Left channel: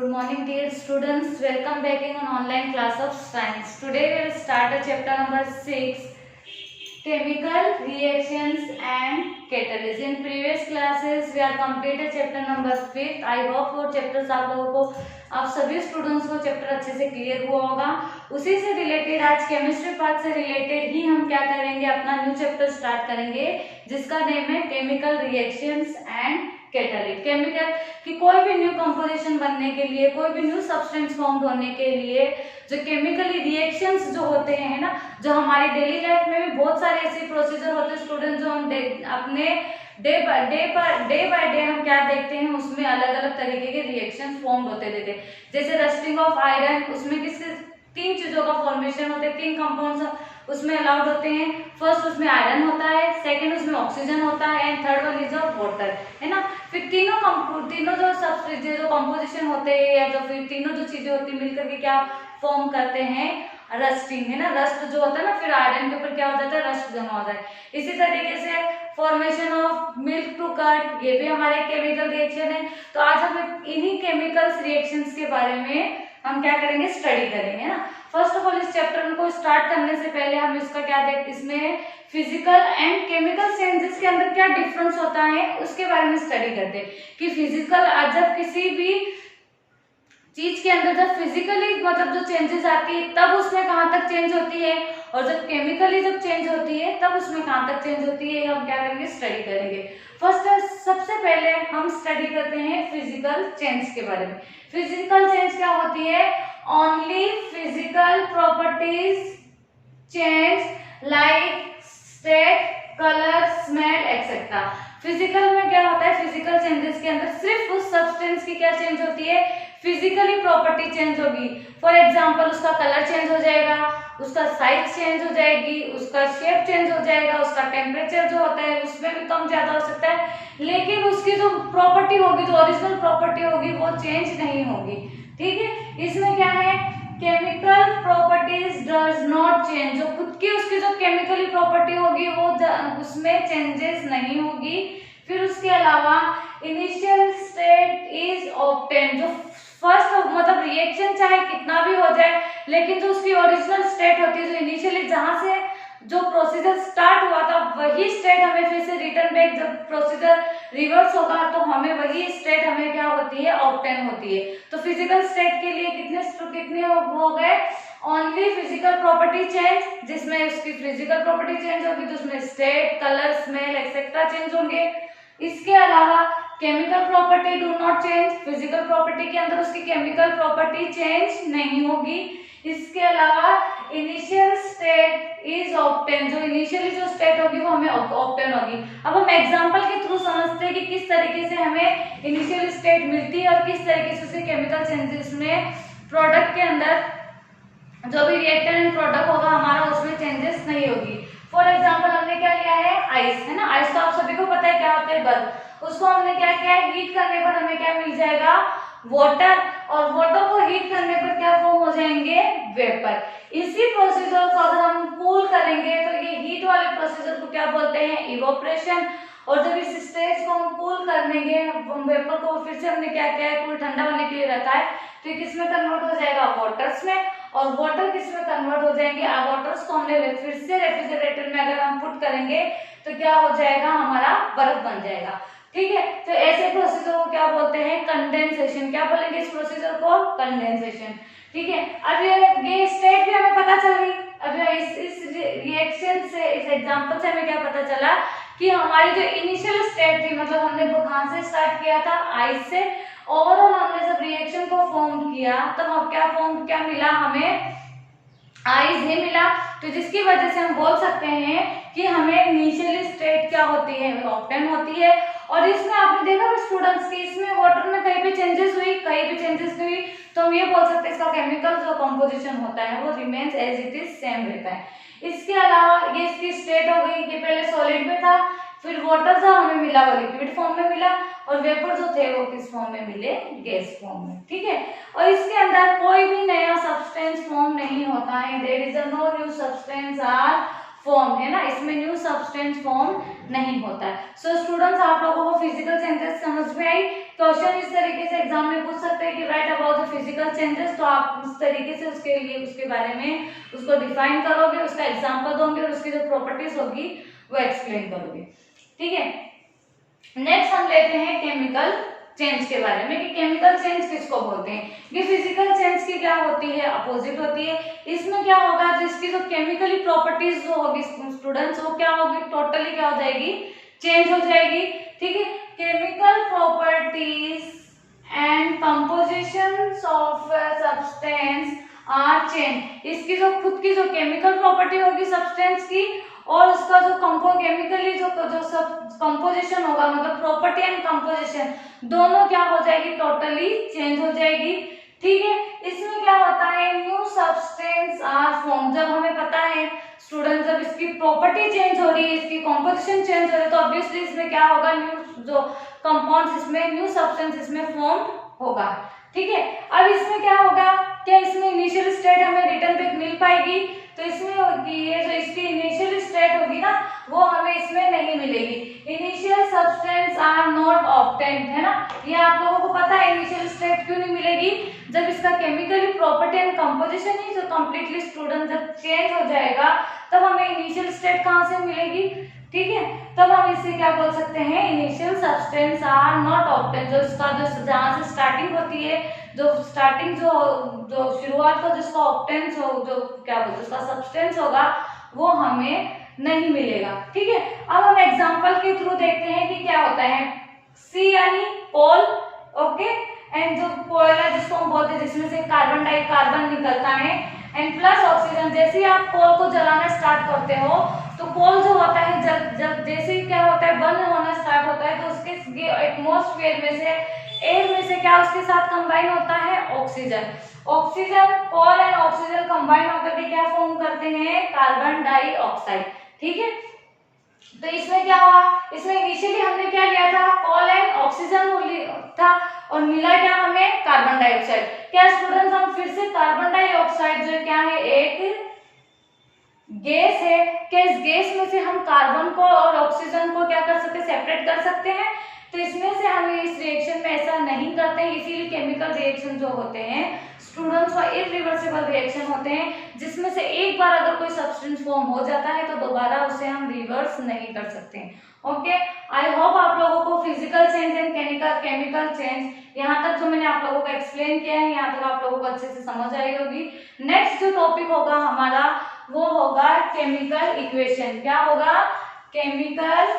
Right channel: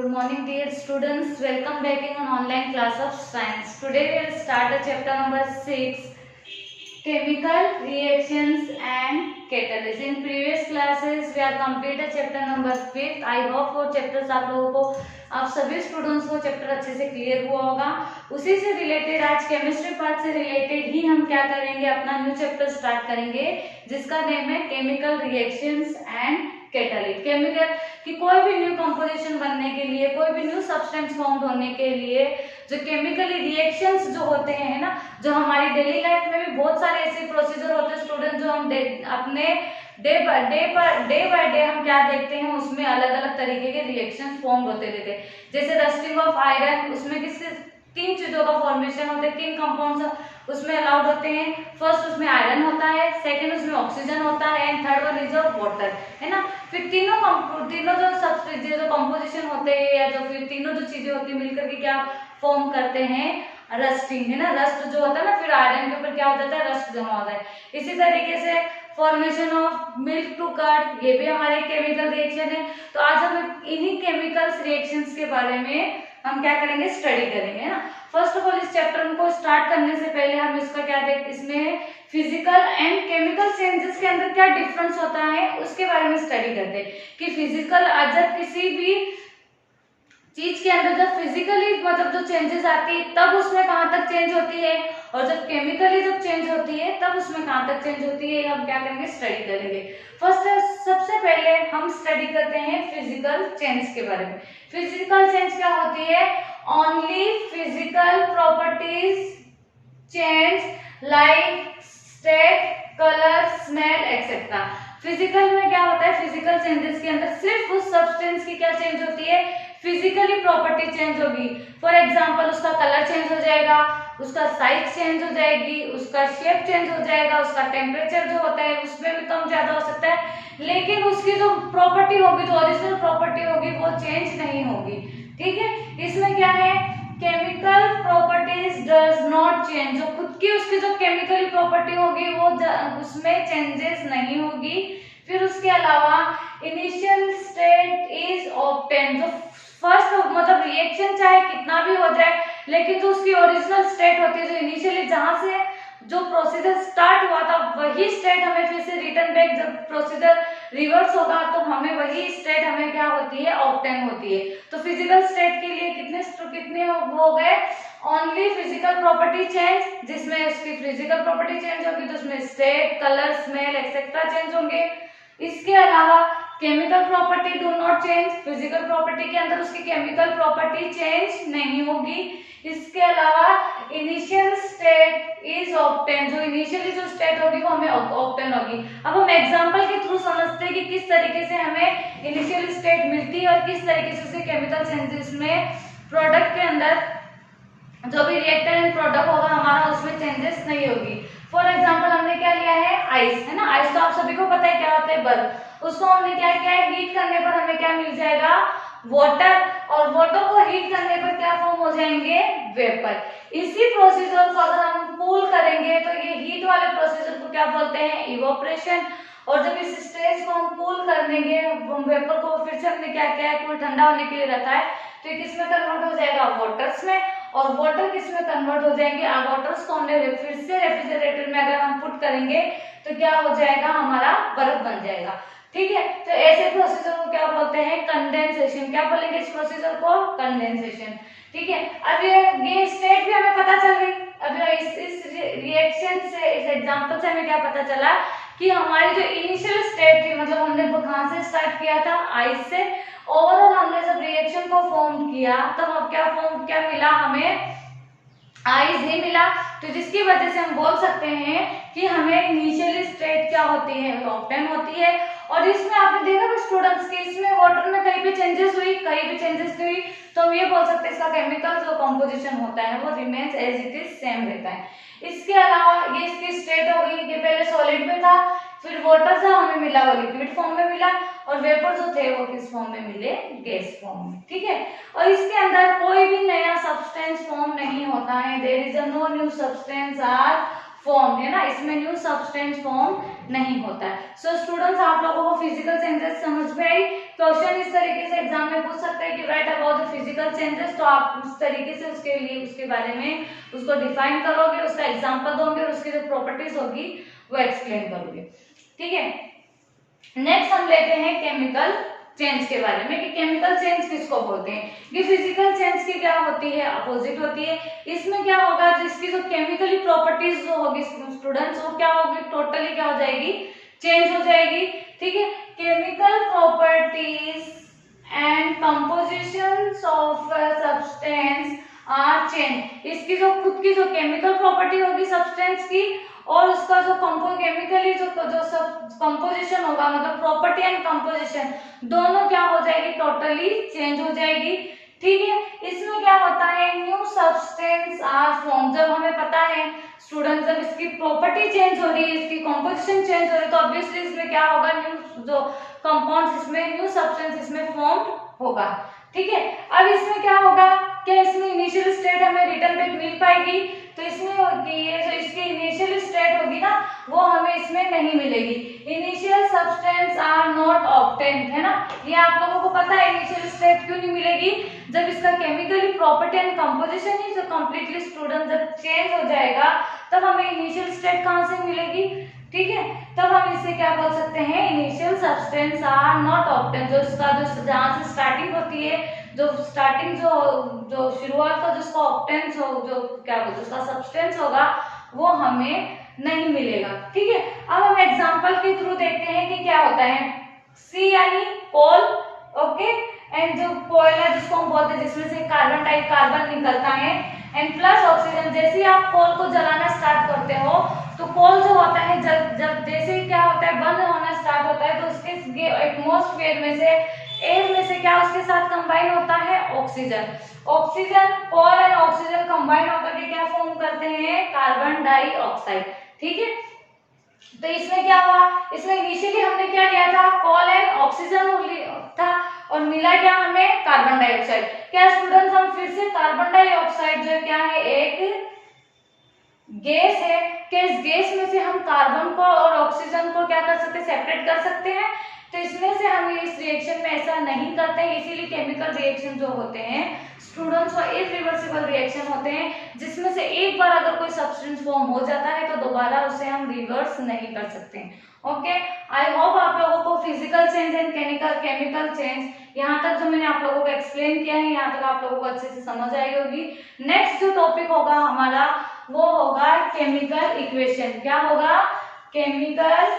Good morning, dear students. Welcome back in an online class of science. Today we will start a chapter number 6, chemical reactions and catalysts. In previous classes we are completed chapter number 5. I hope वो chapters आप लोगों को, आप सभी students को chapter अच्छे से clear हुआ होगा. उसी से रिलेटेड आज केमिस्ट्री पार्ट से रिलेटेड ही हम क्या करेंगे, अपना न्यू चैप्टर स्टार्ट करेंगे जिसका नेम है chemical reactions and catalyst. Chemical कि कोई भी न्यू कंपोजिशन बनने के लिए, कोई भी न्यू सब्सटेंस फॉर्म होने के लिए जो केमिकली रिएक्शंस जो होते हैं, है ना, जो हमारी डेली लाइफ में भी बहुत सारे ऐसे प्रोसीजर होते हैं स्टूडेंट, जो हम अपने डे बाय डे हम क्या देखते हैं, उसमें अलग अलग तरीके के रिएक्शंस फॉर्म होते रहते हैं. जैसे रस्टिंग ऑफ आयरन, उसमें किसके तीन चीजों का फॉर्मेशन होता है, तीन कंपाउंड्स उसमें अलाउड होते हैं. फर्स्ट उसमें आयरन होता है, सेकंड उसमें ऑक्सीजन होता है and third one is water, है ना. फिर तीनों जो सब्सटेंस जो कंपोजिशन होते हैं या जो फिर तीनों जो चीजें होती है मिलकर के क्या फॉर्म करते हैं, रस्टिंग, है ना. रस्ट जो होता है ना, फिर आयरन के ऊपर क्या हो जाता है, रस्ट जमा होता है. इसी तरीके से formation of milk to curd, ये भी हमारे केमिकल रिएक्शन है. तो आज हम इन्हीं केमिकल्स रिएक्शंस के बारे में हम क्या करेंगे, स्टडी करेंगे, है ना. फर्स्ट ऑफ ऑल इस चैप्टर को स्टार्ट करने से पहले हम इसका क्या देखते, इसमें फिजिकल एंड केमिकल चेंजेस के अंदर क्या डिफरेंस होता है उसके बारे में स्टडी करते हैं. कि फिजिकल जब किसी भी चीज के अंदर जब फिजिकली मतलब जो चेंजेस आती है तब उसमें कहाँ तक चेंज होती है, और जब केमिकली जब चेंज होती है तब उसमें कहाँ तक चेंज होती है, हम क्या करेंगे, स्टडी करेंगे. फर्स्ट सबसे पहले हम स्टडी करते हैं फिजिकल चेंज के बारे में. फिजिकल चेंज क्या होती है, only physical properties change like state, colour, smell etcetera. Physical में क्या होता है, फिजिकल चेंजेस के अंदर सिर्फ उस सब्सटेंस की क्या चेंज होती है, फिजिकली प्रॉपर्टी चेंज होगी. फॉर एग्जांपल उसका कलर चेंज हो जाएगा, उसका साइज चेंज हो जाएगी, उसका शेप चेंज हो जाएगा, उसका टेम्परेचर जो होता है उसमें भी कम ज्यादा हो सकता है, लेकिन उसकी जो प्रॉपर्टी होगी, जो ओरिजिनल प्रॉपर्टी होगी वो चेंज नहीं होगी. ठीक है. इसमें क्या है, chemical properties does not change, जो खुद की उसकी जो केमिकली प्रॉपर्टी होगी वो उसमें चेंजेस नहीं होगी. फिर उसके अलावा इनिशियल स्टेट इज ऑब्टेन, जो फर्स्ट मतलब रिएक्शन चाहे कितना भी हो जाए, लेकिन जो उसकी ओरिजिनल स्टेट होती है, जो इनिशियली जहां से जो प्रोसीजर स्टार्ट हुआ था वही स्टेट हमें फिर से रिटर्न बैक, जब प्रोसीजर रिवर्स होगा तो हमें वही स्टेट हमें क्या होती है, ऑब्टेन होती है. तो फिजिकल स्टेट के लिए कितने हो गए, ओनली फिजिकल प्रॉपर्टी चेंज, जिसमें उसकी फिजिकल प्रॉपर्टी चेंज होगी तो उसमें state, colour, smell etcetera change होंगे. इसके अलावा chemical property do not change, physical property के अंदर उसकी केमिकल प्रॉपर्टी चेंज नहीं होगी. इसके अलावा इनिशियल स्टेट इज ऑब्टेन, जो इनिशियली जो स्टेट होगी वो हमें ऑब्टेन होगी. अब हम एग्जांपल के थ्रू समझते हैं कि किस तरीके से हमें इनिशियल स्टेट मिलती है और किस तरीके से उसके केमिकल चेंजेस में प्रोडक्ट के अंदर जो भी रिएक्टर एंड प्रोडक्ट होगा हमारा उसमें चेंजेस नहीं होगी. फॉर एग्जाम्पल हमने क्या लिया है, आइस, है ना. आइस तो आप सभी को पता है क्या होता है, बर्फ. उसको हमने क्या किया है, हीट करने पर हमें क्या मिल जाएगा, वाटर, और वाटर को हीट करने पर क्या फॉर्म हो जाएंगे, वेपर. इसी प्रोसीजर को अगर हम कूल करेंगे तो ये हीट वाले प्रोसीजर को क्या बोलते हैं, इवोपरेशन. और जब इस स्टेज को हम कूल कर देंगे, वेपर को फिर से हमने क्या किया है, कूल ठंडा होने के लिए रखा है, तो ये किसमें कन्वर्ट हो जाएगा, वाटर्स में. और वाटर किसमें कन्वर्ट हो जाएंगे, वाटर्स को हमने फिर से रेफ्रिजरेटर में अगर हम पुट करेंगे तो क्या हो जाएगा, हमारा बर्फ बन जाएगा. ठीक है. तो ऐसे प्रोसीजर को क्या बोलते हैं, कंडेंसेशन. क्या बोलेंगे इस प्रोसीजर को, कंडेंसेशन. ठीक है. अब ये स्टेट भी हमें पता चल गई. अब इस रिएक्शन से, इस एग्जांपल से हमें क्या पता चला कि हमारी जो इनिशियल स्टेट थी, मतलब हमने वो कहां से स्टार्ट किया था, आइस से. ओवरऑल हमने जब रिएक्शन को फॉर्म किया तब हम क्या मिला, हमें आइस ही मिला. तो जिसकी वजह से हम बोल सकते हैं कि हमें इनिशियल स्टेट क्या होती है, ऑब्टेन होती है. और इसमें आपने देखा स्टूडेंट्स कि इसमें वाटर में कहीं भी चेंजेस हुई, कहीं भी चेंजेस हुई, तो हम ये बोल सकते हैं इसका केमिकल जो कंपोजिशन होता है वो remains as it is same रहता है. इसके अलावा ये इसकी स्टेट हो गई कि पहले सॉलिड में था, फिर वाटर जो हमें मिला वो लिक्विड फॉर्म में मिला, और वेपर जो थे वो किस फॉर्म में मिले, गैस फॉर्म में. ठीक है. और इसके अंदर कोई भी नया सब्सटेंस फॉर्म नहीं होता है, there is no new substance are form, है ना. इसमें न्यू सब्सटेंस फॉर्म नहीं होता है। सो स्टूडेंट्स, आप लोगों को फिजिकल चेंजेस समझ में आई। क्वेश्चन इस तरीके से एग्जाम में पूछ सकते हैं कि right about the physical changes, तो आप उस तरीके से उसके लिए उसके बारे में उसको डिफाइन करोगे, उसका एग्जाम्पल दोगे और उसकी जो प्रॉपर्टीज होगी वो एक्सप्लेन करोगे। ठीक है, नेक्स्ट हम लेते हैं केमिकल चेंज के बारे में कि केमिकल चेंज किसको बोलते हैं। ये फिजिकल चेंज की क्या होती है, अपोजिट होती है। इसमें क्या होगा, जिसकी जो केमिकली प्रॉपर्टीज जो होगी स्टूडेंट्स, वो क्या होगी, टोटली क्या हो जाएगी, चेंज हो जाएगी। ठीक है, chemical properties and compositions of substance are change. इसकी जो खुद की जो केमिकल प्रॉपर्टी होगी सब्सटेंस की और उसका जो केमिकली जो सब कंपोजिशन होगा, मतलब प्रॉपर्टी एंड कंपोजिशन दोनों क्या हो जाएगी, टोटली चेंज हो जाएगी। ठीक है, इसमें क्या होता है, न्यू सब्सटेंस आर फॉर्म। जब हमें पता है स्टूडेंट, जब इसकी प्रॉपर्टी चेंज हो रही है, इसकी कंपोजिशन चेंज हो रही है, तो ऑब्वियसली इसमें क्या होगा, न्यू जो कंपाउंड्स, इसमें न्यू सब्सटेंस इसमें फॉर्म होगा। ठीक है, अब इसमें क्या होगा, क्या इसमें इनिशियल स्टेट हमें रिटर्न पे मिल पाएगी, तो इसमें होगी ये जो इसकी इनिशियल स्टेट होगी ना, वो हमें इसमें नहीं मिलेगी। Initial substance are not obtained, है ना, ये आप लोगों को पता है इनिशियल स्टेट क्यों नहीं मिलेगी, जब इसका केमिकली प्रॉपर्टी एंड कंपोजिशन ही जो कंप्लीटली स्टूडेंट जब चेंज हो जाएगा तब हमें इनिशियल स्टेट कहाँ से मिलेगी। ठीक है, तब हम इसे क्या बोल सकते हैं, initial substance are not obtained. जो इसका जो जहाँ से स्टार्टिंग होती है, जो स्टार्टिंग जो शुरुआत का जिसका ऑब्टेंस हो, जो क्या बोलते हैं उसका सब्सटेंस होगा, वो हमें नहीं मिलेगा। ठीक है, अब हम एग्जांपल के थ्रू देखते हैं कि क्या होता है। सी यानी कोल, ओके, एंड जो कोयला जिसको हम बोलते हैं, जिसमें से कार्बन निकलता है, एंड प्लस ऑक्सीजन। जैसे ही आप कोल को जलाना स्टार्ट करते हो तो कोल जो होता है जब जैसे ही क्या होता है, बर्न होना स्टार्ट होता है, तो उसके एटमॉस्फेयर में से, एयर में से क्या उसके साथ कंबाइन होता है, oxygen. Oxygen, coal and oxygen combine होकर के क्या फॉर्म करते हैं, कार्बन डाइऑक्साइड। ठीक है, तो इसमें क्या हुआ, इसमें इनिशियली हमने क्या लिया था, कोल एंड ऑक्सीजन था और मिला क्या हमें, कार्बन डाइऑक्साइड। क्या स्टूडेंट्स, हम फिर से कार्बन डाइऑक्साइड जो क्या है, एक गैस है, क्या इस गैस में से हम कार्बन को और ऑक्सीजन को क्या कर सकते हैं, सेपरेट कर सकते हैं। तो इसमें से हम इस रिएक्शन में ऐसा नहीं करते हैं, इसीलिए केमिकल रिएक्शन जो होते हैं स्टूडेंट्स वो इरिवर्सिबल रिएक्शन होते हैं, जिसमें से एक बार अगर कोई सब्सटेंस फॉर्म हो जाता है तो दोबारा उसे हम रिवर्स नहीं कर सकते हैं। ओके, आई होप आप लोगों को physical change and chemical change यहाँ तक जो मैंने आप लोगों को एक्सप्लेन किया है, यहाँ तक आप लोगों को अच्छे से समझ आई होगी। नेक्स्ट जो टॉपिक होगा हमारा वो होगा केमिकल इक्वेशन। क्या होगा, केमिकल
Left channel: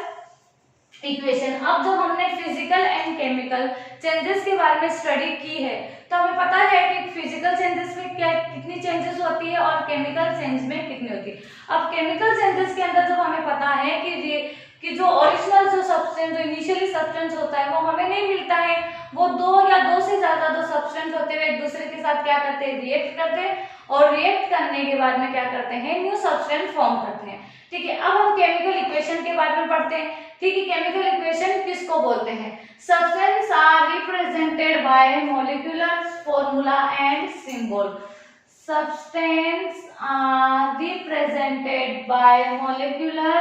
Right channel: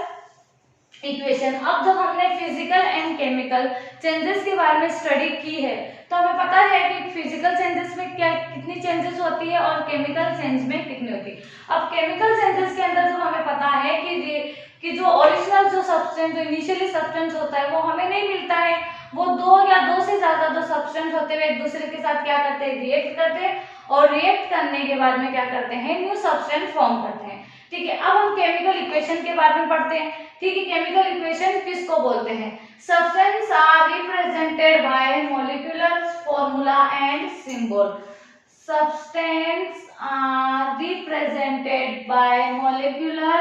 इक्वेशन। अब जब हमने फिजिकल एंड केमिकल चेंजेस के बारे में स्टडी की है तो हमें पता है कि फिजिकल चेंजेस में क्या कितनी चेंजेस होती है और केमिकल चेंज में कितनी होती है। अब केमिकल चेंजेस के अंदर जब हमें पता है कि जो ओरिजिनल जो सब्सटेंस, जो इनिशियली सब्सटेंस होता है वो हमें नहीं मिलता है, वो दो या दो से ज्यादा जो सब्सटेंस होते हैं एक दूसरे के साथ क्या करते हैं, रिएक्ट करते हैं, और रिएक्ट करने के बाद में क्या करते हैं, न्यू सब्सटेंस फॉर्म करते हैं। ठीक है, अब हम केमिकल इक्वेशन के बारे में पढ़ते हैं। ठीक है, केमिकल इक्वेशन किसको बोलते हैं, substance are represented by molecular formula and symbol. Substance are represented by molecular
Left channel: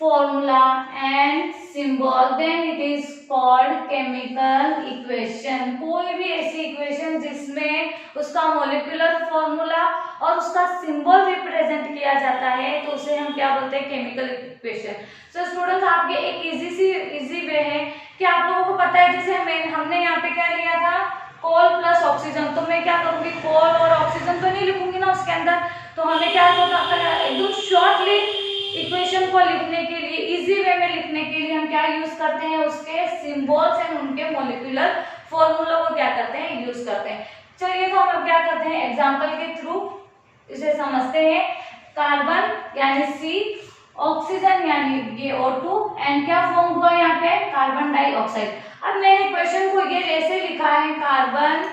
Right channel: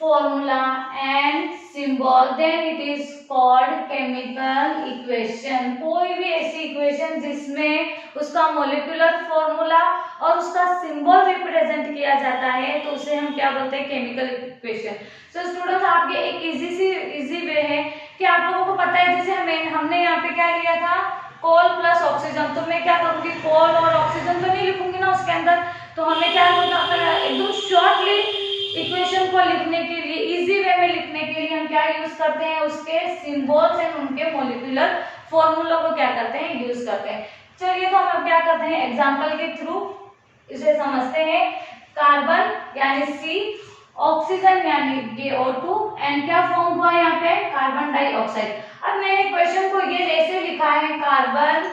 formula and symbol, then it is called chemical equation। कोई भी ऐसी इक्वेशन जिसमें उसका मोलिकुलर फॉर्मूला और उसका सिंबल रिप्रेजेंट किया जाता है तो उसे हम क्या बोलते हैं, केमिकल इक्वेशन। तो स्टूडेंट्स आपके एक इजी वे है कि आप लोगों को पता है, जैसे हमने यहाँ पे क्या लिया था, कोल प्लस ऑक्सीजन। तो मैं क्या करूंगी, कोल और ऑक्सीजन तो नहीं लिखूंगी ना उसके अंदर, तो हमें क्या होता है, एकदम शॉर्टली इक्वेशन को लिखने के लिए, इजी वे में लिखने के लिए हम क्या यूज करते हैं, उसके सिंबल्स एंड उनके मॉलिक्यूलर फॉर्मूला को क्या करते हैं, यूज करते हैं। चलिए तो हम क्या करते हैं, एग्जांपल के थ्रू इसे समझते हैं। कार्बन यानी C, ऑक्सीजन यानी ये O2 एंड क्या फॉर्म हुआ यहाँ पे, कार्बन डाइऑक्साइड। अब मैंने क्वेश्चन को ये ऐसे लिखा है, carbon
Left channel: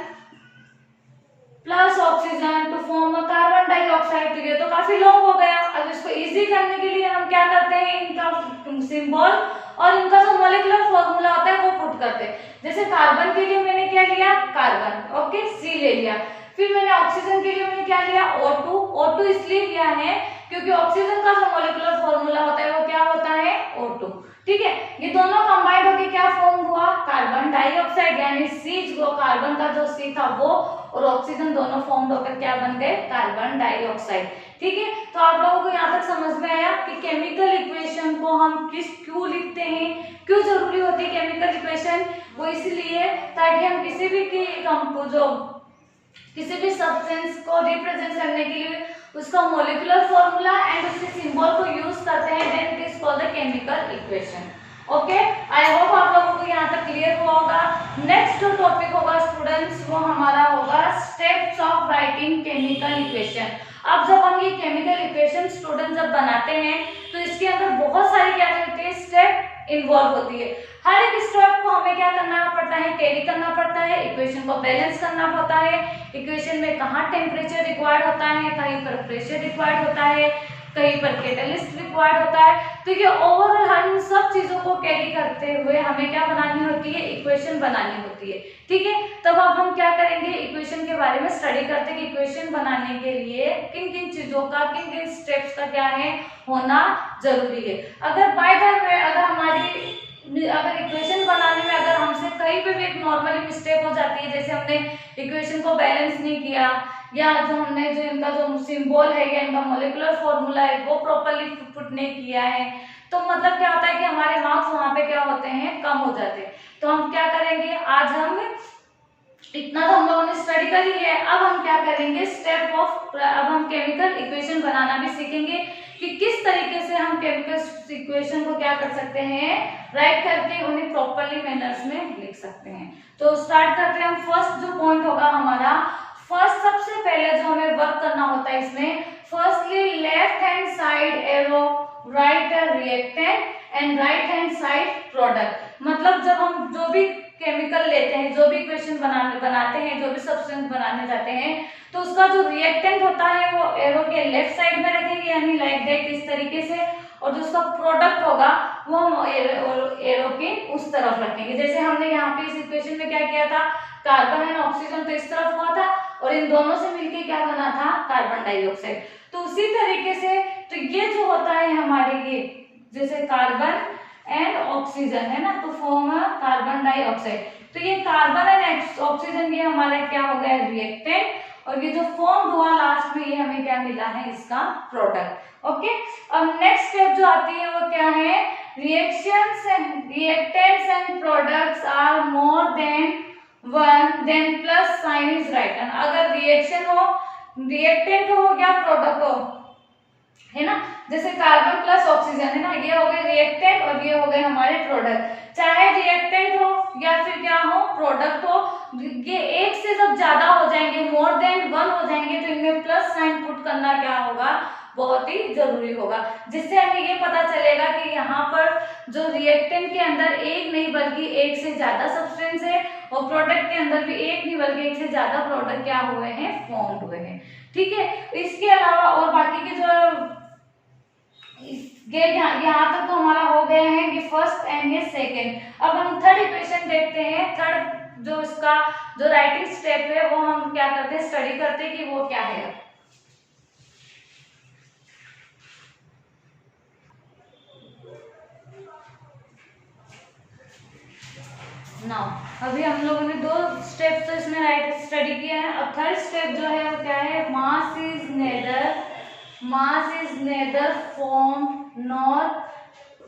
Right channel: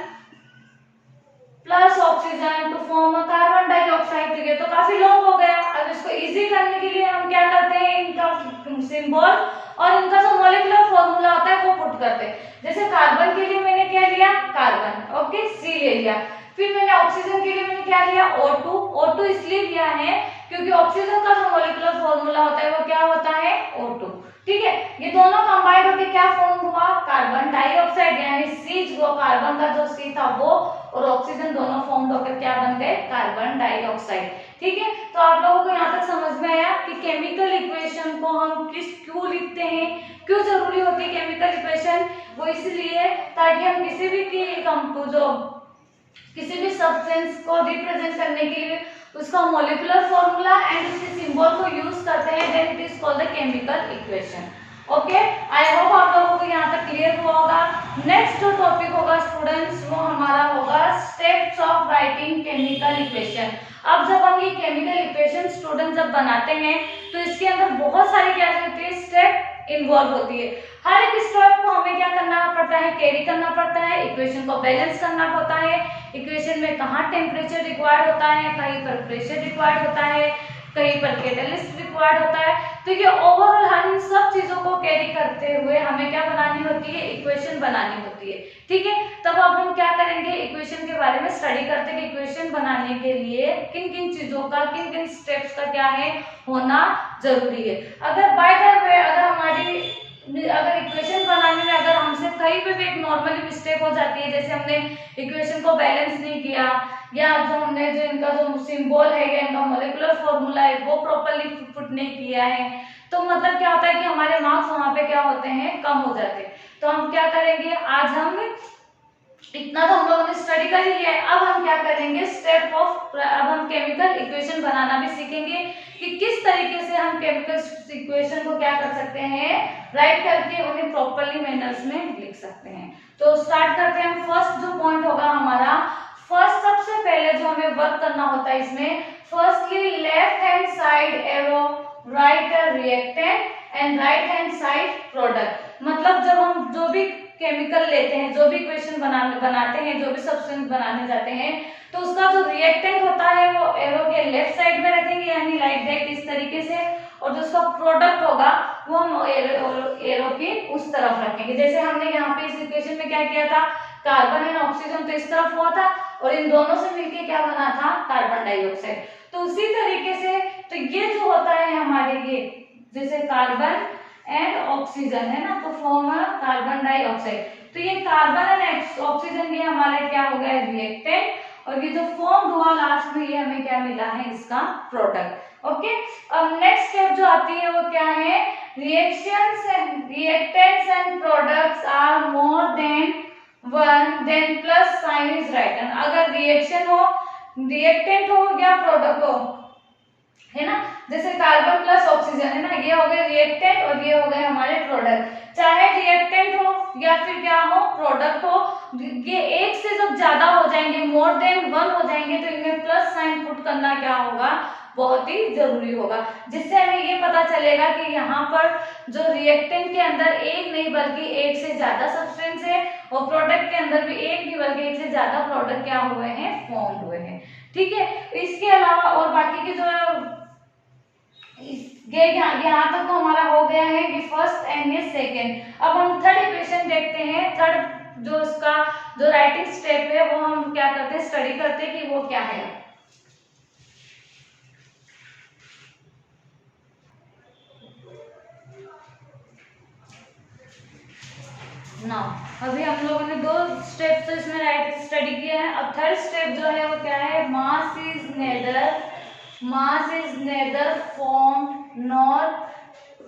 plus oxygen to form a carbon dioxide. ये तो काफी लॉन्ग हो गया। अब इसको इजी करने के लिए हम क्या करते हैं, इनका सिंबल और इनका जो मॉलिक्यूलर फॉर्मूला होता है वो पुट करते हैं। जैसे कार्बन के लिए मैंने क्या लिया, कार्बन, ओके, C ले लिया। फिर मैंने ऑक्सीजन के लिए मैंने क्या लिया, O2 इसलिए लिया है क्योंकि ऑक्सीजन का जो मॉलिक्यूलर फॉर्मूला होता है वो क्या होता है O2। ठीक है, ये दोनों कंबाइंड होकर क्या फॉर्म हुआ, कार्बन डाइऑक्साइड, यानी C जो कार्बन का जो C था वो और ऑक्सीजन दोनों फॉर्म होकर क्या बन गए, कार्बन डाइऑक्साइड। ठीक है, तो आप लोगों को यहाँ तक समझ में आया कि केमिकल इक्वेशन को हम क्यों लिखते हैं, क्यों जरूरी होती है केमिकल इक्वेशन। वो इसलिए ताकि हम किसी भी सब्सटेंस को रिप्रेजेंट करने के लिए उसका मॉलिक्यूलर फॉर्मूला एंड उसके सिंबल को यूज करते हैं, then it is called the chemical equation. Okay, I hope आप लोगों को यहाँ तक क्लियर हुआ होगा। नेक्स्ट जो टॉपिक होगा स्टूडेंट्स वो हमारा होगा steps of writing chemical equation. अब जब हम ये केमिकल इक्वेशन स्टूडेंट जब बनाते हैं तो इसके अंदर बहुत सारी क्या होती है, स्टेप इन्वॉल्व होती है। हर एक स्टेप को हमें क्या करना पड़ता है, कैरी करना पड़ता है, इक्वेशन को बैलेंस करना होता है। इक्वेशन में कहाँ टेम्परेचर रिक्वायर्ड होता है, कहीं पर प्रेशर रिक्वायर्ड होता है, कहीं पर कैटलिस्ट रिक्वायर्ड होता है। तो ये ओवरऑल हम सब चीजों को कैरी करते हुए हमें क्या बनानी होती है, इक्वेशन बनानी होती है। ठीक है, तब अब हम क्या करेंगे, इक्वेशन के बारे में स्टडी करते हैं कि इक्वेशन बनाने के लिए किन किन चीजों का, किन किन स्टेप्स का क्या है होना जरूरी है। अगर बाय द वे अगर इक्वेशन बनाने में अगर हमसे कहीं पे भी एक नॉर्मली मिस्टेक हो जाती है, जैसे हमने इक्वेशन को बैलेंस नहीं किया या जो हमने जो इनका जो सिंबल है या इनका मॉलिक्यूलर फॉर्मूला है वो प्रॉपर्ली पुट नहीं किया है, तो मतलब क्या होता है कि हमारे मार्क्स वहां पे क्या होते हैं, कम हो जाते हैं। तो हम क्या करेंगे, आज हम इतना तो हम लोगों ने स्टडी कर ही लिया है, अब हम क्या करेंगे अब हम केमिकल इक्वेशन बनाना भी सीखेंगे कि किस तरीके से हम केमिकल इक्वेशन को क्या कर सकते हैं, राइट करके उन्हें प्रॉपर्ली मैनर्स में लिख सकते हैं। तो स्टार्ट करते हैं हम। फर्स्ट जो पॉइंट होगा हमारा, फर्स्ट सबसे पहले जो हमें वर्क करना होता है इसमें, firstly left hand side arrow right reactant and right hand side product. मतलब जब हम जो भी केमिकल लेते हैं, जो भी इक्वेशन बनाते हैं, जो भी सब्सटेंस बनाने जाते हैं, तो उसका जो रिएक्टेंट होता है वो एरो के लेफ्ट साइड में रखेंगे, यानी लाइक दैट इस तरीके से, और जो उसका प्रोडक्ट होगा वो हम एरो के उस तरफ रखेंगे। जैसे हमने यहाँ पे इस इक्वेशन में क्या किया था, कार्बन एंड ऑक्सीजन तो इस तरफ हुआ था और इन दोनों से मिलके क्या बना था, कार्बन डाइऑक्साइड। तो उसी तरीके से तो ये जो होता है हमारे ये जैसे कार्बन एंड ऑक्सीजन है ना, तो फॉर्म है कार्बन डाइऑक्साइड। तो ये कार्बन एंड ऑक्सीजन ये हमारा क्या हो गया, रिएक्टेंट, और ये जो फॉर्म हुआ लास्ट में ये हमें क्या मिला है, इसका प्रोडक्ट। ओके, अब नेक्स्ट स्टेप जो आती है वो क्या है, reactants and products are more than one then plus sign is written. अगर रिएक्टेंट हो या प्रोडक्ट हो, है ना, जैसे कार्बन प्लस ऑक्सीजन है ना, ये हो गए रिएक्टेंट और ये हो गए हमारे प्रोडक्ट। चाहे रिएक्टेंट हो या फिर क्या हो, प्रोडक्ट हो, ये एक से जब ज्यादा हो जाएंगे, मोर देन वन हो जाएंगे, तो इनमें प्लस साइन पुट करना क्या होगा, बहुत ही जरूरी होगा, जिससे हमें ये पता चलेगा कि यहाँ पर जो रिएक्टेंट के अंदर एक नहीं बल्कि एक से ज्यादा सब्सटेंस है, और प्रोडक्ट के अंदर भी एक नहीं बल्कि एक से ज्यादा प्रोडक्ट क्या हुए हैं, फॉर्म हुए हैं। ठीक है, इसके अलावा और बाकी की जो यहाँ तक तो हमारा हो गया है कि फर्स्ट एंड ये सेकेंड। अब हम थर्ड इक्वेशन देखते हैं। थर्ड जो इसका जो राइटिंग स्टेप है वो हम क्या करते हैं, स्टडी करते हैं कि वो क्या है। अभी हम लोगों ने दो स्टेप तो इसमें राइट स्टडी किया है। अब थर्ड स्टेप जो है वो क्या है, mass is nether form nor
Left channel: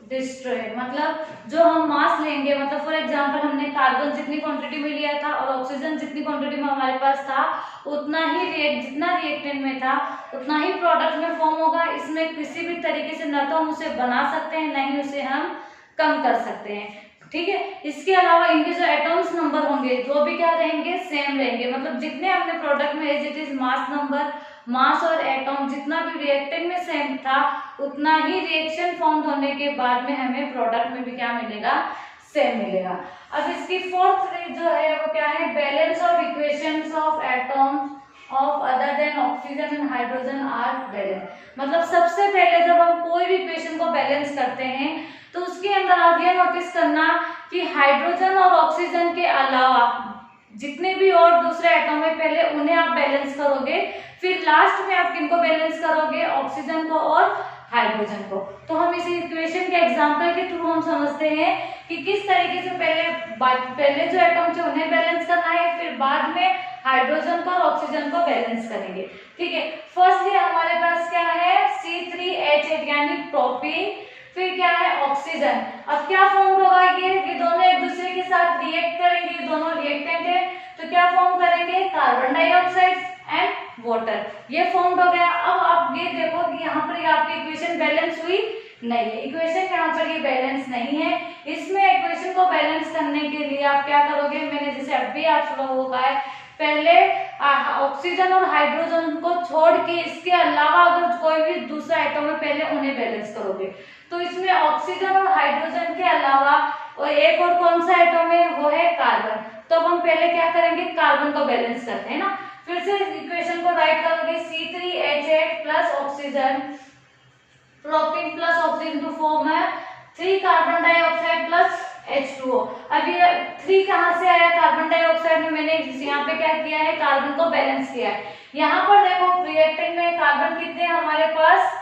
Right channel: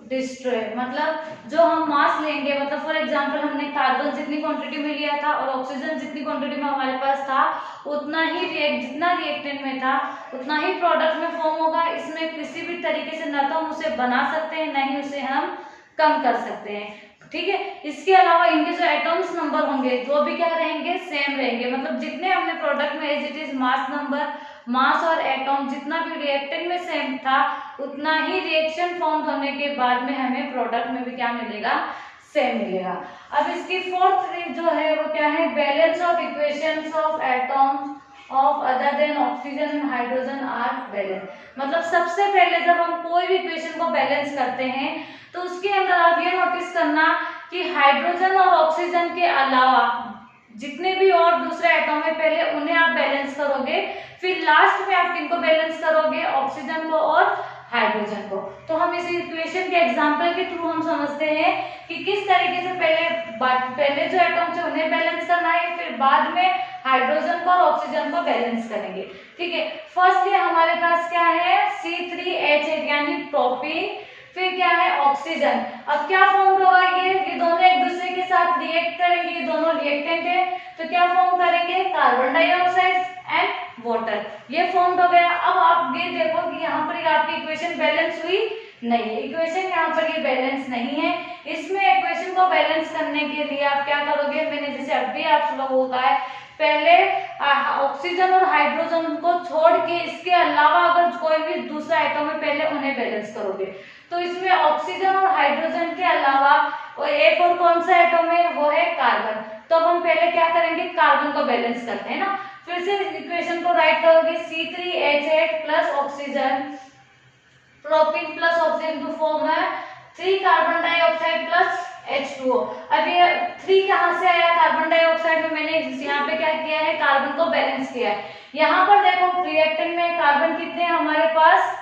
destroyed. मतलब जो हम मास लेंगे, मतलब फॉर एग्जांपल हमने कार्बन जितनी क्वांटिटी में लिया था और ऑक्सीजन जितनी क्वांटिटी में हमारे पास था, उतना ही जितना रिएक्टेंट में था उतना ही प्रोडक्ट में फॉर्म होगा। इसमें किसी भी तरीके से न तो हम उसे बना सकते हैं, न ही उसे हम कम कर सकते हैं। ठीक है, इसके अलावा इनके जो एटॉम्स नंबर होंगे जो भी क्या रहेंगे, सेम रहेंगे। मतलब जितने हमने प्रोडक्ट में as it is mass number, mass और एटॉम जितना भी रिएक्टेंट में सेम था, उतना ही रिएक्शन फॉर्म होने के बाद में हमें प्रोडक्ट में भी क्या मिलेगा, सेम मिलेगा। अब इसकी फोर्थ जो है वो क्या है, balance of equations of atoms of other than oxygen and hydrogen are balance. मतलब सबसे पहले जब हम कोई भी इक्वेशन को बैलेंस करते हैं तो उसके अंदर आप ये नोटिस करना कि हाइड्रोजन और ऑक्सीजन के अलावा जितने भी और दूसरे एटम है पहले उन्हें आप बैलेंस करोगे, फिर लास्ट में आप किनको बैलेंस करोगे, ऑक्सीजन को और हाइड्रोजन को। तो हम इस इक्वेशन के एग्जांपल के थ्रू हम समझते हैं कि किस तरीके से पहले जो एटम थे उन्हें बैलेंस करना है, फिर बाद में हाइड्रोजन को और ऑक्सीजन को बैलेंस करेंगे। ठीक है, फर्स्टली हमारे पास क्या है C3H8 यानी प्रोपीन, फिर क्या है ऑक्सीजन। अब क्या फॉर्म होगा, ये दोनों एक दूसरे के साथ रिएक्ट करेंगे, ये दोनों रिएक्टेंट है, तो क्या फॉर्म करेंगे, कार्बन डाइऑक्साइड एंड वाटर, ये फॉर्म हो गया। अब आप ये देखो कि यहाँ पर आपकी इक्वेशन बैलेंस हुई नहीं है, इक्वेशन यहाँ पर ये बैलेंस नहीं है। इसमें इक्वेशन को बैलेंस करने के लिए आप क्या करोगे, मैंने जैसे अभी आप लोगों को कहा है, पहले ऑक्सीजन और हाइड्रोजन को छोड़ के इसके अलावा अगर कोई भी दूसरा एटम है पहले उन्हें बैलेंस करोगे। तो इसमें ऑक्सीजन और हाइड्रोजन के अलावा और एक और कौन सा एटम है, वो है कार्बन। तो अब हम पहले क्या करेंगे, कार्बन को बैलेंस करते हैं ना। फिर से इक्वेशन को राइट करोगे, C3H8 plus oxygen, propene plus oxygen to form है 3 कार्बन डाइऑक्साइड प्लस H2O। अब ये 3 कहाँ से आया, कार्बन डाइऑक्साइड में मैंने यहाँ पे क्या किया है, कार्बन को बैलेंस किया है। यहाँ पर देखो रिएक्टेंट में कार्बन कितने हमारे पास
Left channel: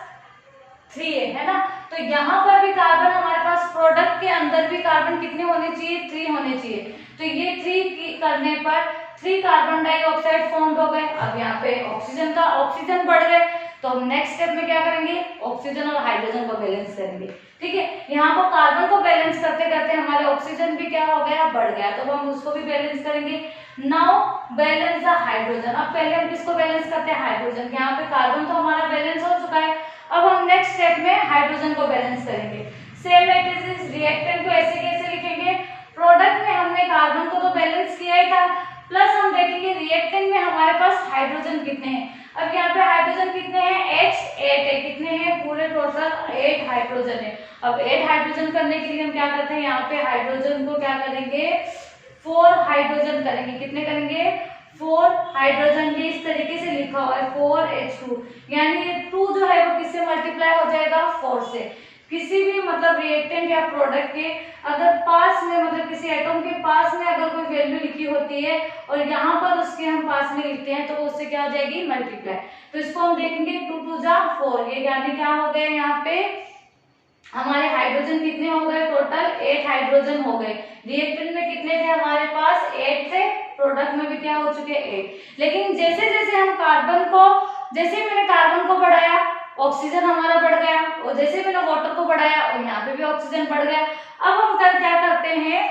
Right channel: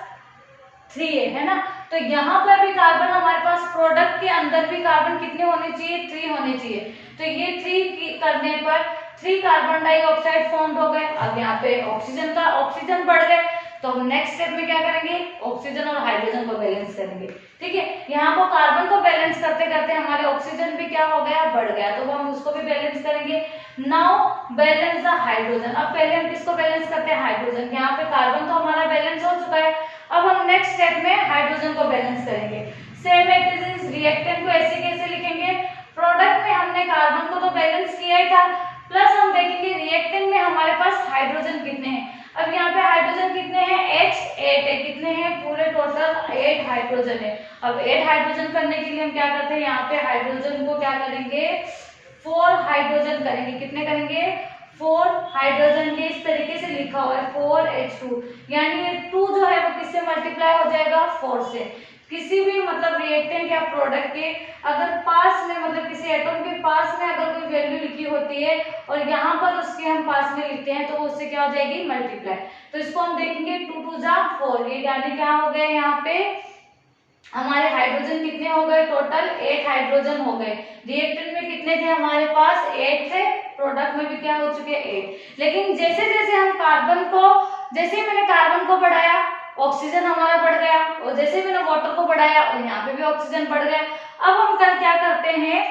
3 है ना, तो यहाँ पर भी कार्बन हमारे पास, प्रोडक्ट के अंदर भी कार्बन कितने होने चाहिए, 3 होने चाहिए। तो ये 3 करने पर 3 कार्बन डाइऑक्साइड फॉर्म हो गए। अब यहाँ पे ऑक्सीजन बढ़ गए, तो हम नेक्स्ट स्टेप में क्या करेंगे, ऑक्सीजन और हाइड्रोजन को बैलेंस करेंगे। ठीक है, यहाँ पर कार्बन को बैलेंस करते करते हमारे ऑक्सीजन भी क्या हो गया, बढ़ गया, तो हम उसको भी बैलेंस करेंगे। Now balance the hydrogen. अब पहले हम किसको बैलेंस करते हैं, हाइड्रोजन। यहाँ पे कार्बन तो हमारा बैलेंस हो चुका है, अब हम नेक्स्ट स्टेप में हाइड्रोजन को बैलेंस करेंगे। सेम एक्सिस रिएक्टेंट को ऐसे कैसे लिखेंगे, प्रोडक्ट में हमने कार्बन को तो बैलेंस किया ही था, प्लस हम देखेंगे रिएक्टेंट में हमारे पास हाइड्रोजन कितने हैं। अब यहाँ पे हाइड्रोजन कितने हैं, H8 है, कितने हैं, पूरे टोटल 8 हाइड्रोजन है। अब 8 हाइड्रोजन करने के लिए हम क्या करते हैं, यहाँ पे हाइड्रोजन को क्या करेंगे, 4 हाइड्रोजन करेंगे। कितने करेंगे, 4 हाइड्रोजन। ये इस तरीके से लिखा हुआ है 4H2, यानी ये 2 जो है वो किससे मल्टीप्लाई हो जाएगा, 4 से। किसी भी मतलब रिएक्टेंट या प्रोडक्ट के अगर पास में, मतलब किसी एटम के पास में अगर कोई वैल्यू लिखी होती है और यहाँ पर उसके हम पास में लिखते हैं, तो उससे क्या हो जाएगी, मल्टीप्लाई। तो इसको हम देखेंगे 2 2 जा 4, ये यानी क्या हो गए, यहाँ पे हमारे हाइड्रोजन कितने हो गए, टोटल 8 हाइड्रोजन हो गए। रिएक्टेंट में कितने थे हमारे पास, 8 थे, प्रोडक्ट में भी क्या हो चुके 8। लेकिन जैसे जैसे हम कार्बन को, जैसे मैंने कार्बन को बढ़ाया ऑक्सीजन हमारा बढ़ गया, और जैसे मैंने वाटर को बढ़ाया और यहाँ पे भी ऑक्सीजन बढ़ गया। अब हम क्या करते हैं,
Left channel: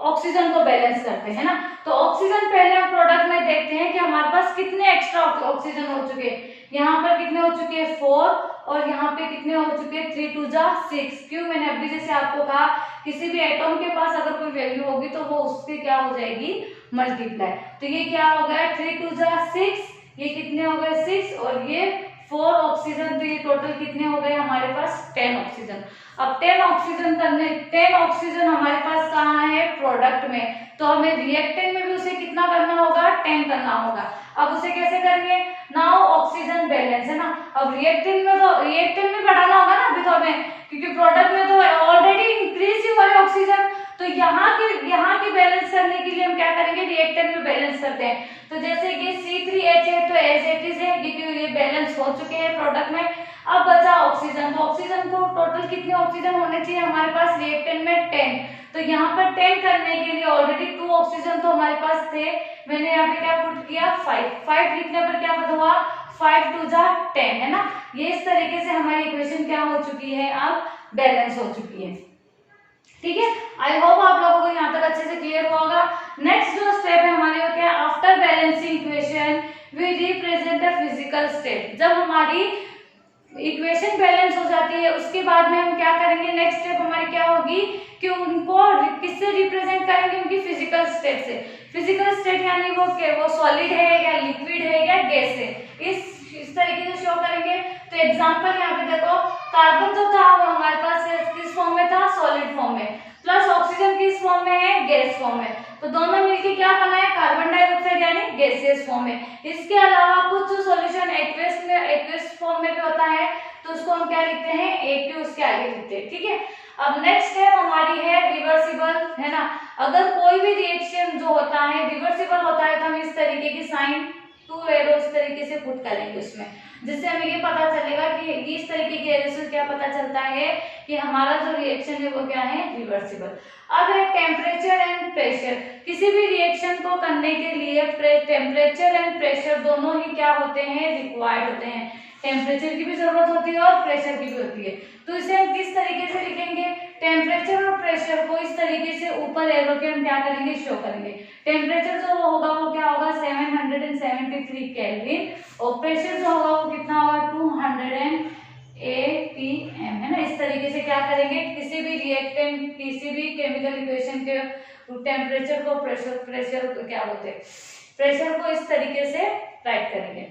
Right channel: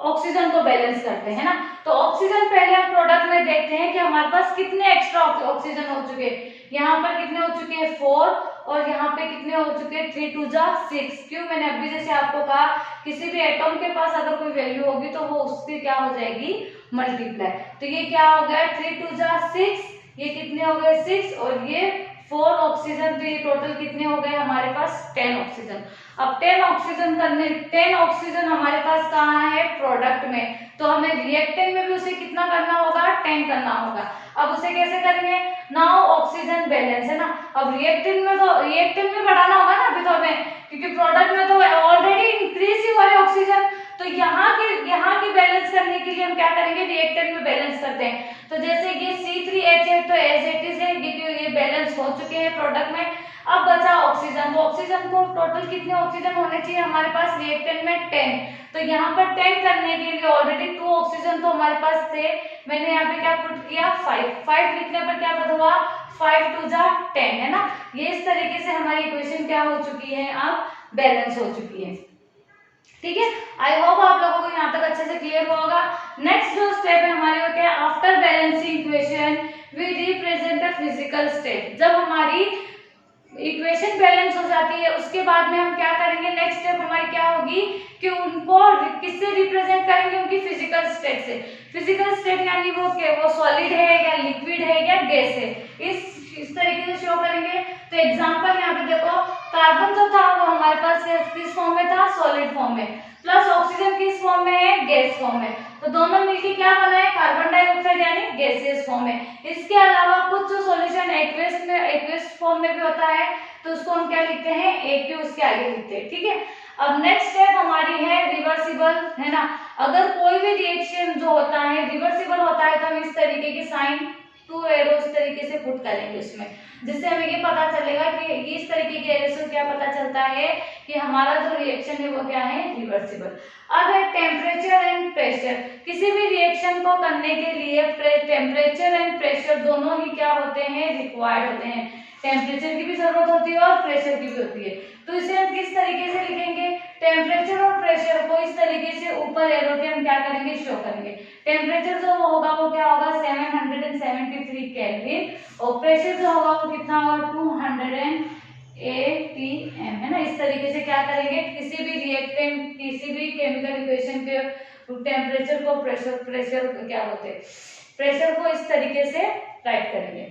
ऑक्सीजन को बैलेंस करते हैं ना। तो ऑक्सीजन पहले हम प्रोडक्ट में देखते हैं कि हमारे पास कितने एक्स्ट्रा ऑक्सीजन हो चुके हैं। यहाँ पर कितने हो चुके हैं, 4, और यहाँ पे कितने हो चुके हैं, 3 2 जा 6। क्यों, मैंने अभी जैसे आपको कहा किसी भी एटम के पास अगर कोई वैल्यू होगी तो वो उसकी क्या हो जाएगी, मल्टीप्लाई। तो ये क्या हो गया, 3 2 जा 6, ये कितने हो गए 6, और ये 4 ऑक्सीजन, तो ये टोटल कितने हो गए हमारे पास 10 ऑक्सीजन। अब 10 ऑक्सीजन करने, 10 ऑक्सीजन हमारे पास कहाँ है, प्रोडक्ट में, तो हमें रिएक्टेंट में भी उसे कितना करना होगा, 10 करना होगा। अब उसे कैसे करेंगे, नाउ ऑक्सीजन बैलेंस है ना। अब रिएक्टेंट में, तो रिएक्टेंट में बढ़ाना होगा ना अभी तो हमें, क्योंकि प्रोडक्ट में तो ऑलरेडी इंक्रीज ही हो रही ऑक्सीजन। तो यहाँ की बैलेंस करने के लिए हम क्या करेंगे, रिएक्टेंट में बैलेंस करते हैं। तो जैसे कि C3H8 तो एज इट इज है, क्योंकि ये बैलेंस हो चुके हैं प्रोडक्ट में। अब बचा ऑक्सीजन, तो ऑक्सीजन को टोटल कितने ऑक्सीजन होने चाहिए हमारे पास, रिएक्टेंट में 10। तो यहाँ पर 10 करने के लिए ऑलरेडी 2 ऑक्सीजन तो हमारे पास थे, मैंने यहाँ पे क्या पुट किया, 5 लिखने पर क्या पता हुआ, 5 2 जा 10 है ना। ये इस तरीके से हमारी इक्वेशन क्या हो चुकी है, अब बैलेंस हो चुकी है। ठीक है, आई होप आप लोगों को यहाँ तक अच्छे से क्लियर हुआ होगा। नेक्स्ट जो स्टेप है हमारे होते हैं, after balancing equation we represent the physical state. जब हमारी इक्वेशन बैलेंस हो जाती है उसके बाद में हम क्या करेंगे, नेक्स्ट स्टेप हमारी क्या होगी कि उनको किससे रिप्रेजेंट करेंगे, उनकी फिजिकल स्टेट से। फिजिकल स्टेट यानी वो सॉलिड है या लिक्विड है या गैस है, इस तरीके से शो करेंगे। तो एग्जांपल यहाँ पे देखो, कार्बन जो था वो हमारे पास किस फॉर्म में था, सॉलिड फॉर्म में, प्लस ऑक्सीजन किस फॉर्म में है, गैस फॉर्म में। तो दोनों मिलके क्या बना है, कार्बन डाइऑक्साइड यानी गैसियस फॉर्म में। इसके अलावा कुछ जो सॉल्यूशन एक्वेस फॉर्म में भी होता है, तो उसको हम क्या लिखते हैं, AQ उसके आगे लिखते हैं। ठीक है, अब नेक्स्ट स्टेप हमारी है रिवर्सिबल, है ना। अगर कोई भी रिएक्शन जो होता है रिवर्सिबल होता है तो हम इस तरीके की साइन टू एरो इस तरीके से पुट करेंगे उसमें, जिससे हमें ये पता चलेगा कि इस तरीके के एरो से क्या पता चलता है कि हमारा जो रिएक्शन है वो क्या है, रिवर्सिबल। अब है टेम्परेचर एंड प्रेशर। किसी भी रिएक्शन को करने के लिए टेम्परेचर एंड प्रेशर दोनों ही क्या होते हैं, रिक्वायर्ड होते हैं। टेम्परेचर की भी जरूरत होती है और प्रेशर की भी होती है। तो इसे हम किस तरीके से लिखेंगे, टेम्परेचर और प्रेशर को इस तरीके से ऊपर एरो के हम क्या करेंगे, शो करेंगे। टेम्परेचर जो होगा वो क्या होगा, 773 केल्विन, और प्रेशर जो होगा वो कितना होगा, 200 APM, है ना। इस तरीके से क्या करेंगे, किसी भी रिएक्टेंट, किसी भी केमिकल इक्वेशन के टेम्परेचर को प्रेशर क्या बोलते हैं, प्रेशर को इस तरीके से राइट करेंगे।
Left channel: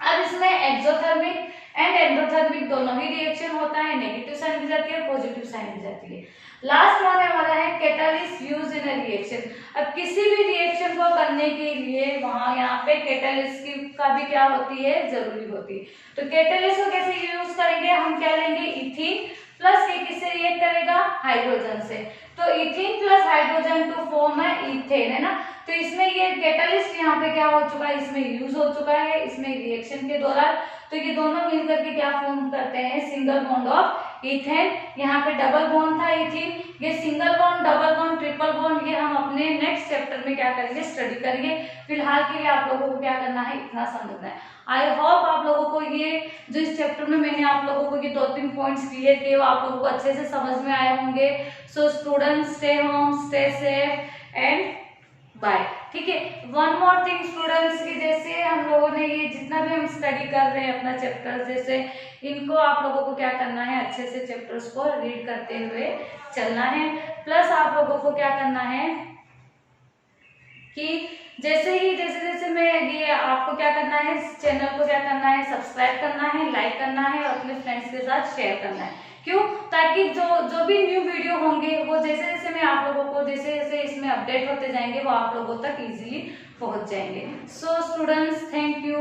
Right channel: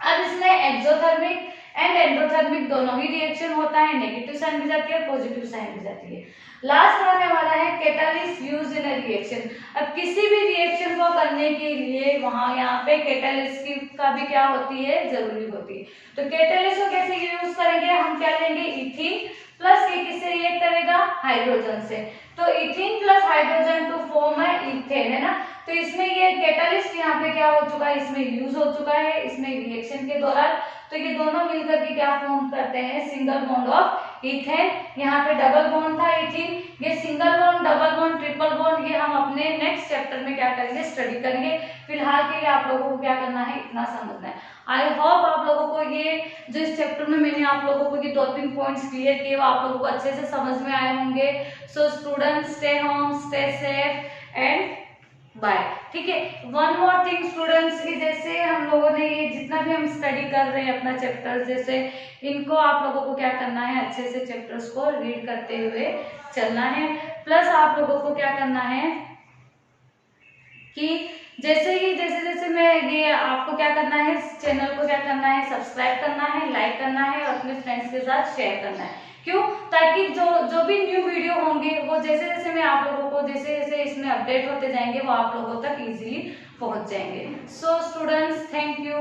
अब इसमें एक्सोथर्मिक एंड एंडोथर्मिक दोनों ही रिएक्शन होता है, नेगेटिव साइन भी जाती है, पॉजिटिव साइन भी जाती है। लास्ट होने वाला है catalyst use in a reaction. अब किसी भी रिएक्शन को करने के लिए वहां यहाँ पे कैटालिस्ट की का भी क्या होती है, जरूरी होती है। तो कैटालिस्ट को कैसे यूज करेंगे, हम क्या लेंगे, इथीन प्लस ये किससे रिएक्ट करेगा, हाइड्रोजन से। तो ethene plus hydrogen to form है इथेन, है ना। तो इसमें ये कैटालिस्ट यहाँ पे क्या हो चुका है, इसमें यूज हो चुका है इसमें रिएक्शन के दौरान। तो ये दोनों मिलकर के क्या फॉर्म करते हैं, सिंगल बॉन्ड ऑफ इथेन। यहाँ पे डबल बॉन्ड था इथीन, ये single bond, double bond, triple bond, ये हम अपने नेक्स्ट चैप्टर में क्या करेंगे, स्टडी करेंगे। फिलहाल के लिए आप लोगों को क्या करना है, इतना समझना है। आई होप आप लोगों को ये जो इस चैप्टर में मैंने आप लोगों को ये 2-3 पॉइंट्स क्लियर किए वो आप लोगों को अच्छे से समझ में आए होंगे। So students, stay home, stay safe and bye. ठीक है, वन मोर थिंग स्टूडेंट्स की, जैसे हम लोगों ने ये जितना भी हम स्टडी कर रहे हैं अपना चैप्टर, जैसे इनको आप लोगों को क्या करना है, अच्छे से चैप्टर्स को रीड करते हुए चलना है। प्लस आप लोगों को क्या करना है कि जैसे जैसे मैं ये आपको क्या करना है, इस चैनल को क्या करना है, सब्सक्राइब करना है, लाइक करना है और अपने फ्रेंड्स के साथ शेयर करना है। क्यों, ताकि जो भी न्यू वीडियो होंगे वो जैसे जैसे मैं आप लोगों को जैसे जैसे इसमें अपडेट होते जाएंगे वो आप लोगों तक इजीली पहुंच जाएंगे। So students, thank you.